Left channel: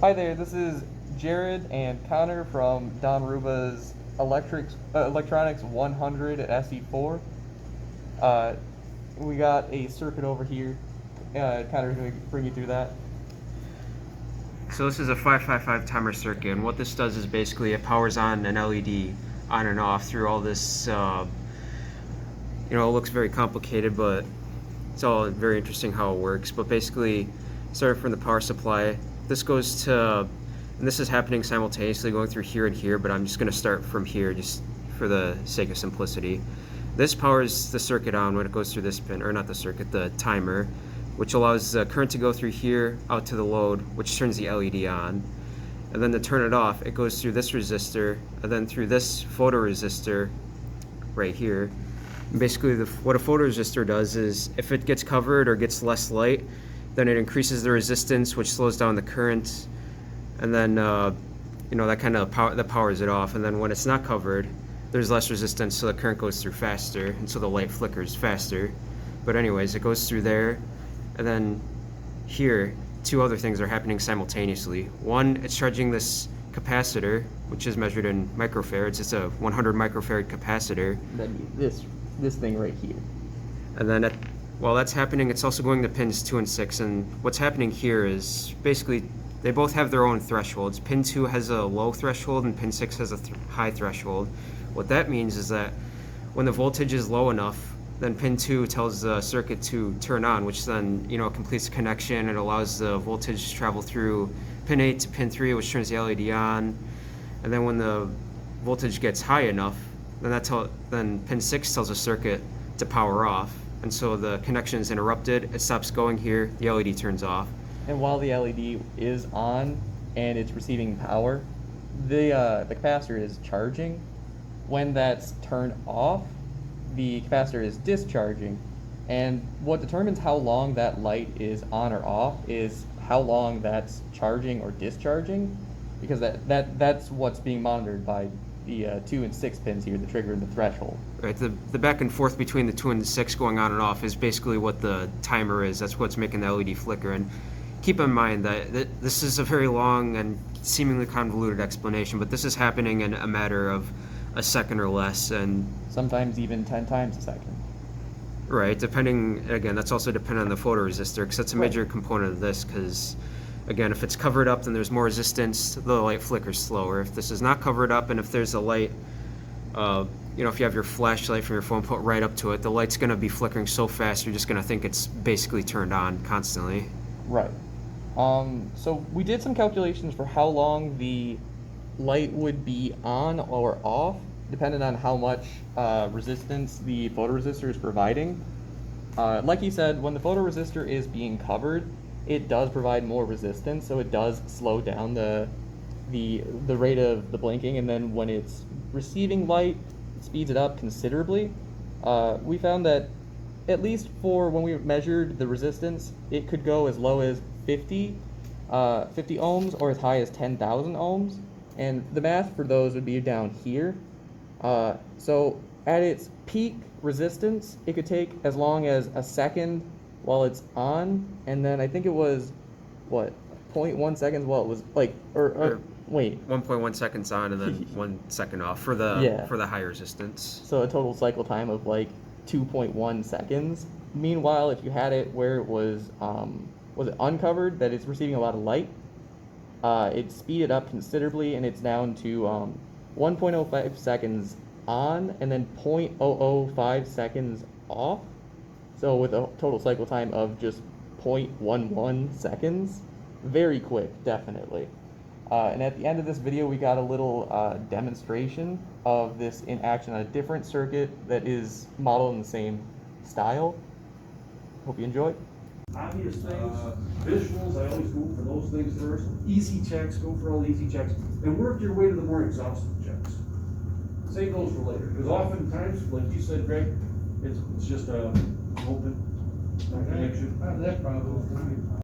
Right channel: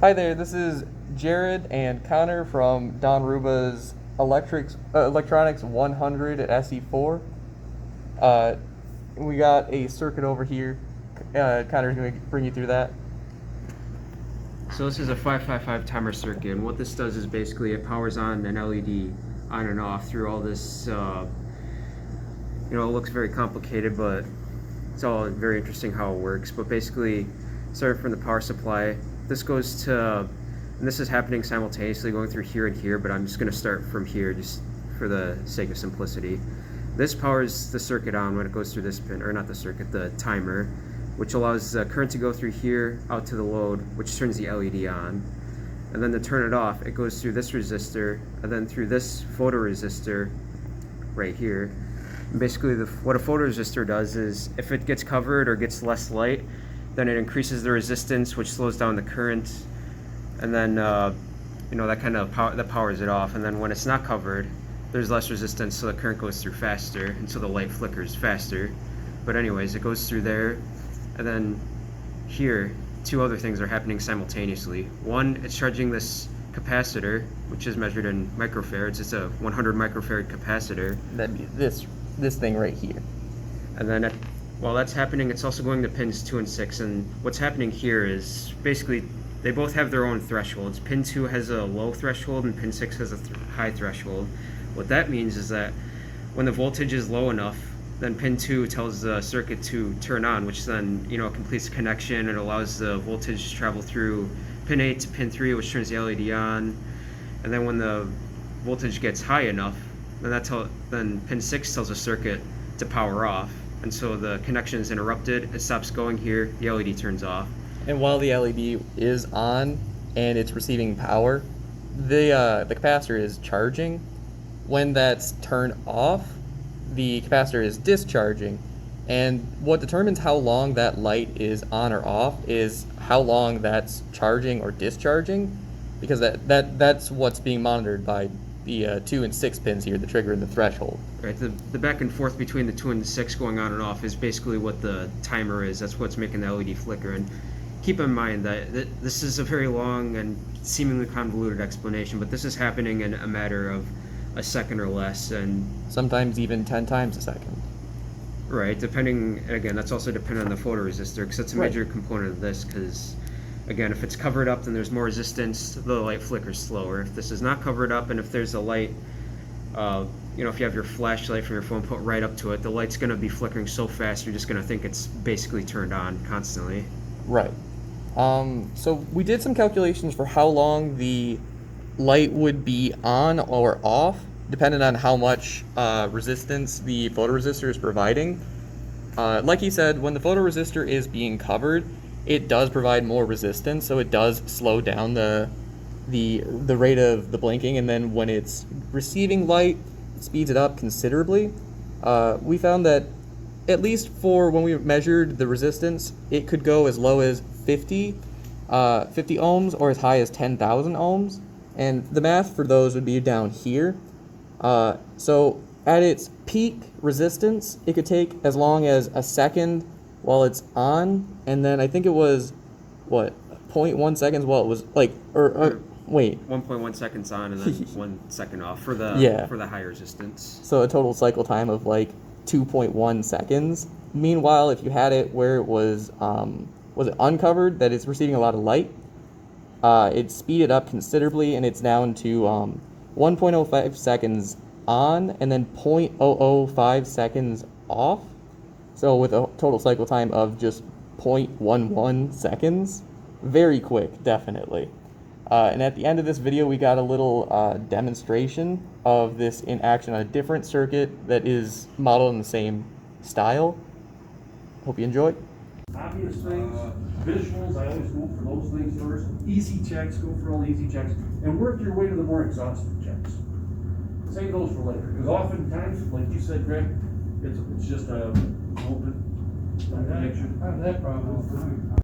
Hi there, this is Jared and Connor from Don Ruba's Electronics 100 at SE4. Uh, we got a circuit over here. Connor's going to bring you through that. So this is a 555 timer circuit, and what this does is basically it powers on an LED on and off through all this, it looks very complicated, but it's all very interesting how it works. But basically, starting from the power supply, this goes to, and this is happening simultaneously going through here and here, but I'm just going to start from here just for the sake of simplicity. This powers the circuit on when it goes through this pin, or not the circuit, the timer, which allows the current to go through here out to the load, which turns the LED on. And then to turn it off, it goes through this resistor and then through this photoresistor right here. And basically, what a photoresistor does is if it gets covered or gets less light, then it increases the resistance, which slows down the current, and then that kind of that powers it off. And then when it's not covered, there's less resistance, so the current goes through faster, and so the light flickers faster. But anyways, it goes through there, and then here, two other things are happening simultaneously. One, it's charging this capacitor, which is measured in microfarads. It's a 100 microfarad capacitor. That'd be this thing right here. And then while that's happening, it's also going to pins 2 and 6. And what's happening here is basically they both have their own thresholds. Pin 2 has a low threshold and pin 6 has a high threshold. What that means is that when the voltage is low enough, then pin 2 tells the circuit to turn on, which then completes the connection. It allows the voltage to travel through pin 8 to pin 3, which turns the LED on. And then when the voltage gets high enough, then pin 6 tells the circuit to power off. And so the connection is interrupted, it stops going here, the LED turns off. And while the LED is on and it's receiving power, the capacitor is charging. When that's turned off, the capacitor is discharging. And what determines how long that light is on or off is how long that's charging or discharging, because that's what's being monitored by the 2 and 6 pins here, the trigger and the threshold. Right, the back and forth between the 2 and the 6 going on and off is basically what the timer is. That's what's making the LED flicker. And keep in mind that this is a very long and seemingly convoluted explanation, but this is happening in a matter of a second or less, and sometimes even 10 times a second. Right, depending, again, that's also dependent on the photoresistor, because that's a major component of this, because again, if it's covered up, then there's more resistance, the light flickers slower. If this is not covered up, and if there's a light, if you have your flashlight from your phone put right up to it, the light's going to be flickering so fast, you're just going to think it's basically turned on constantly. Right. So we did some calculations for how long the light would be on or off, depending on how much resistance the photoresistor is providing. Like he said, when the photoresistor is being covered, it does provide more resistance, so it does slow down the rate of the blinking, and then when it's receiving light, it speeds it up considerably. We found that at least for when we measured the resistance, it could go as low as 50 ohms or as high as 10,000 ohms, and the math for those would be down here. So at its peak resistance, it could take as long as a second while it's on, and then I think it was, 0.1 seconds while it was, wait. 1.1 seconds on and then 1 second off for the high resistance. So a total cycle time of 2.1 seconds. Meanwhile, if you had it where it was it uncovered, that it's receiving a lot of light, it speeded up considerably, and it's down to 1.05 seconds on and then 0.005 seconds off. So with a total cycle time of just 0.11 seconds, very quick, definitely. And at the end of this video, we got a little demonstration of this in action on a different circuit that is modeled in the same style. Hope you enjoy. Obvious things, visuals, I always go for those things first. Easy checks, go for all the easy checks, and work your way to the more exhaustive checks. Save those for later, because oftentimes, like you said, Greg, it's just a open connection. I have that problem.